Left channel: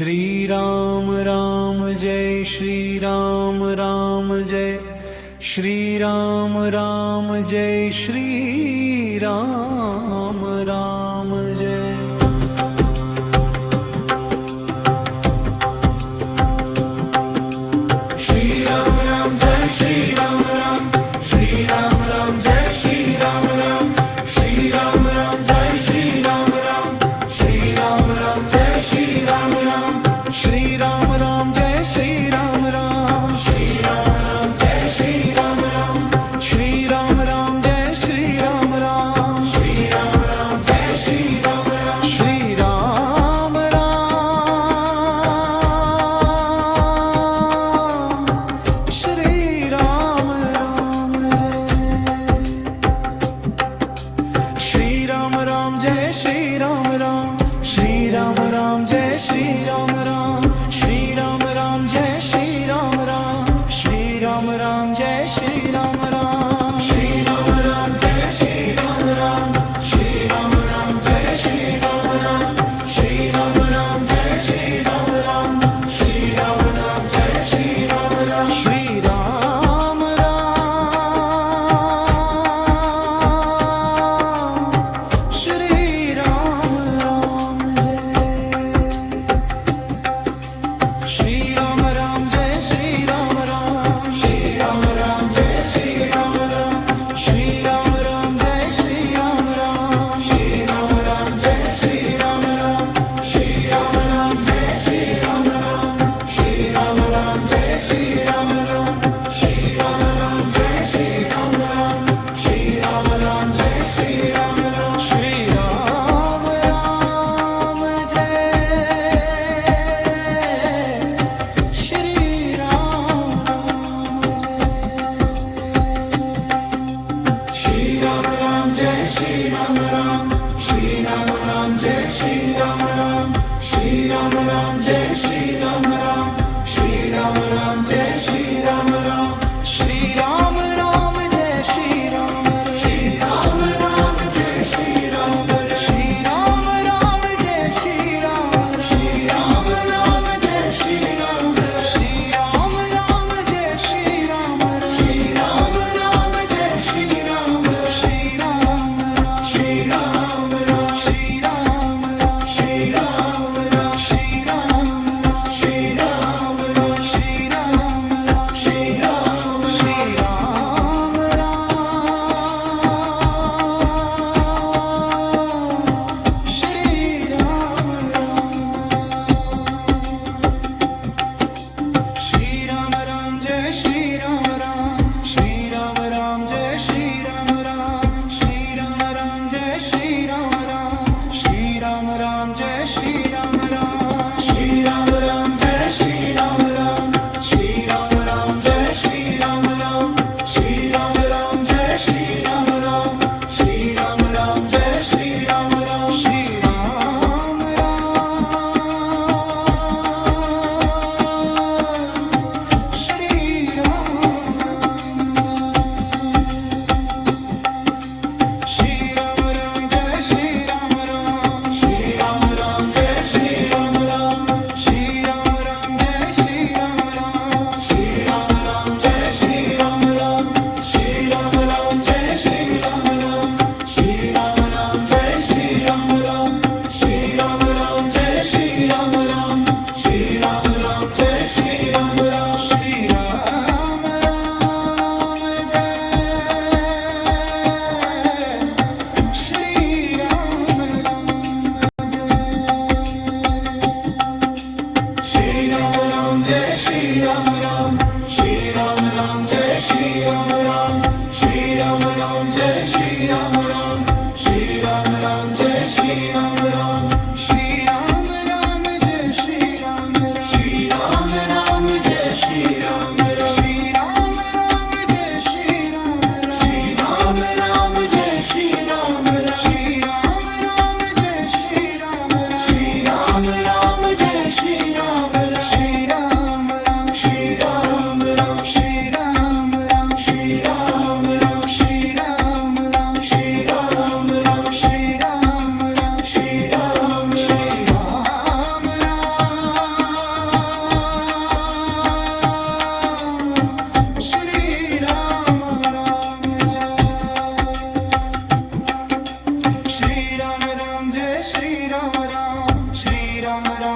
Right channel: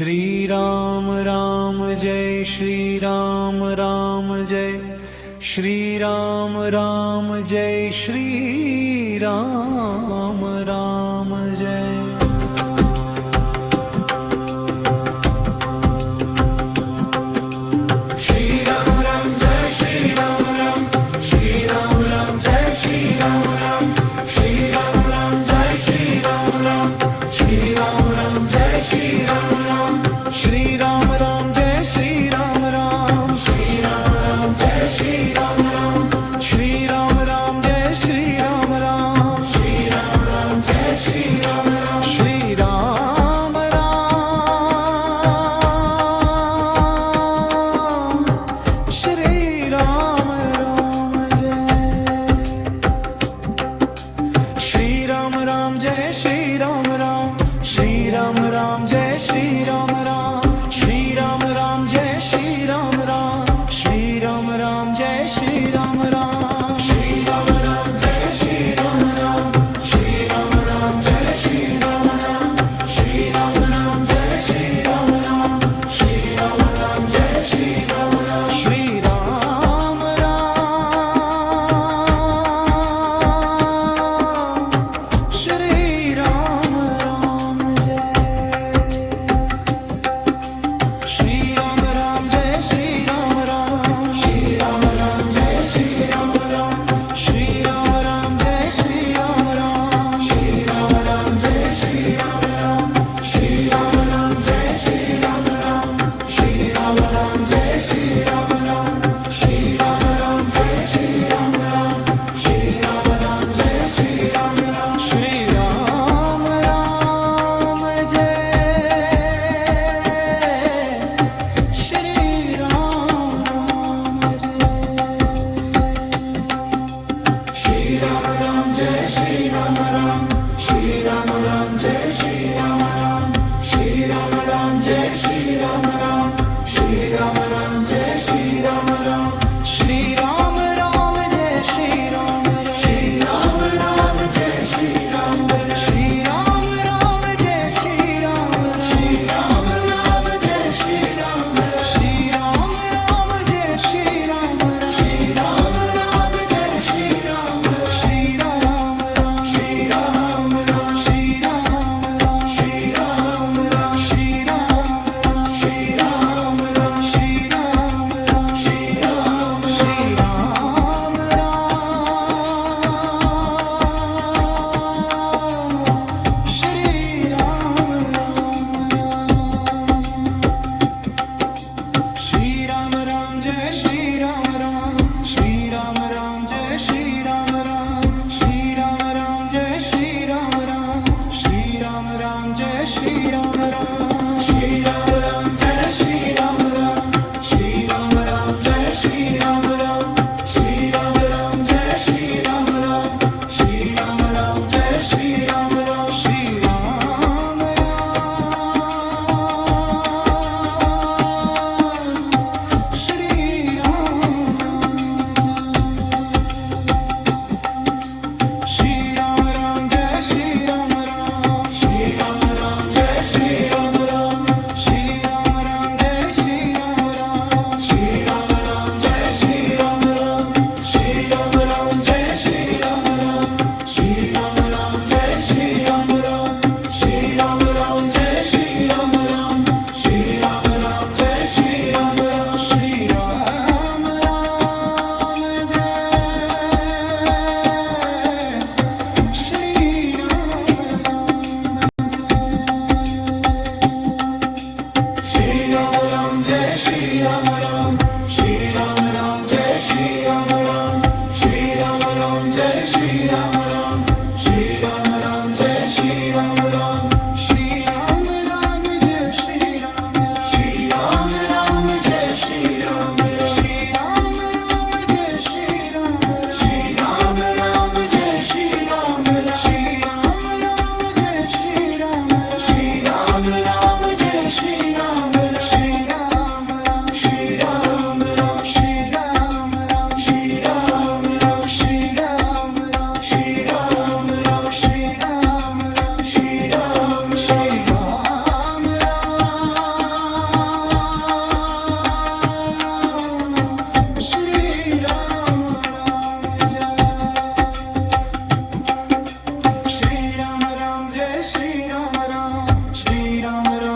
Shri Ram Ram Jai Shri Ram Ram Jai Shri Ram Ram Jai Shri Ram Ram Jai. Shri Ram Ram Jai Shri Ram Ram, Shri Ram Ram Jai Shri Ram Ram, Shri Ram Ram Jai Shri Ram Ram, Shri Ram Ram Jai Shri Ram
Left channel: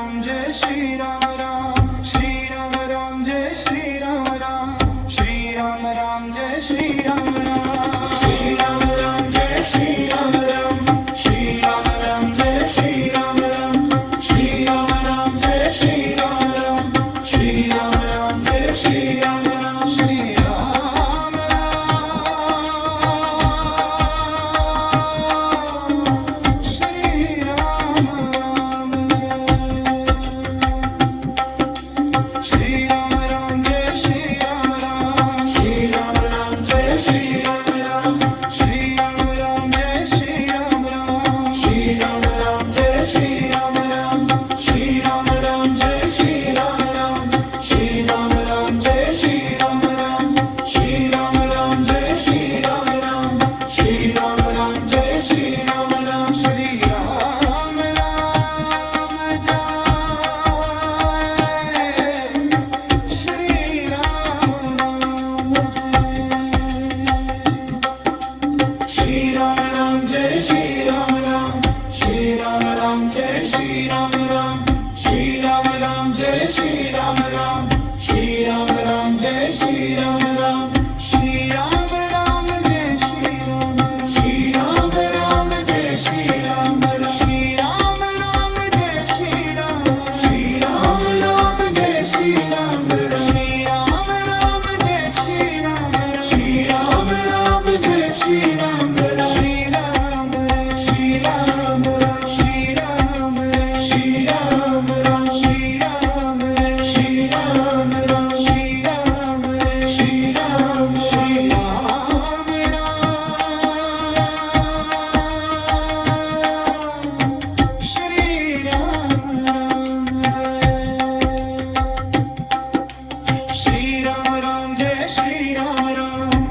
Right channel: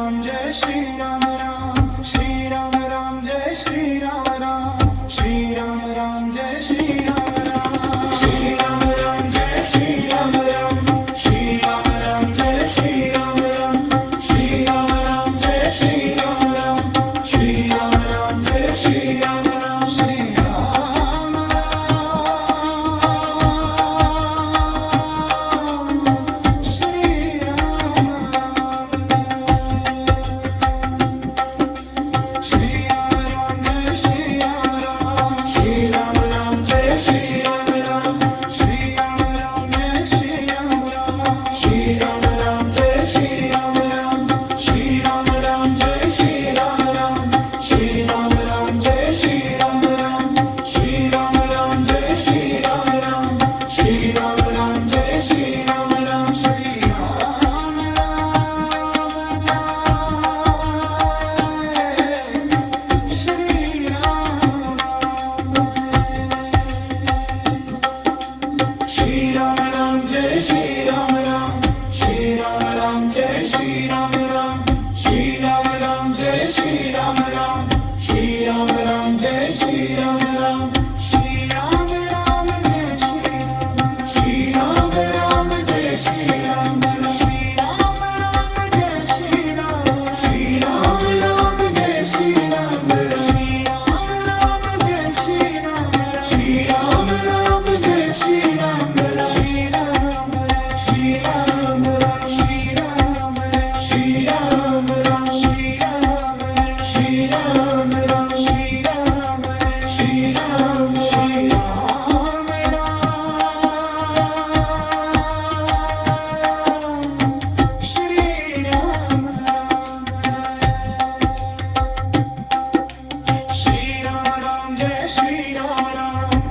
Ram Jai Shri Ram Ram Shri Ram Ram Jai Shri Ram Ram Shri Ram Ram Jai Shri Ram Ram Shri Ram Ram Jai Shri Ram Ram Shri Ram Ram Jai Shri Ram Ram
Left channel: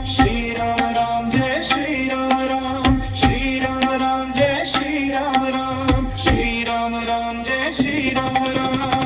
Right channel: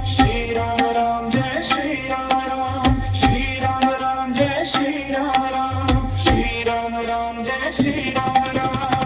Shri Ram Ram Jai Shri Ram Ram Shri Ram Ram Jai Shri Ram Ram Shri Ram Ram Jai Shri Ram Ram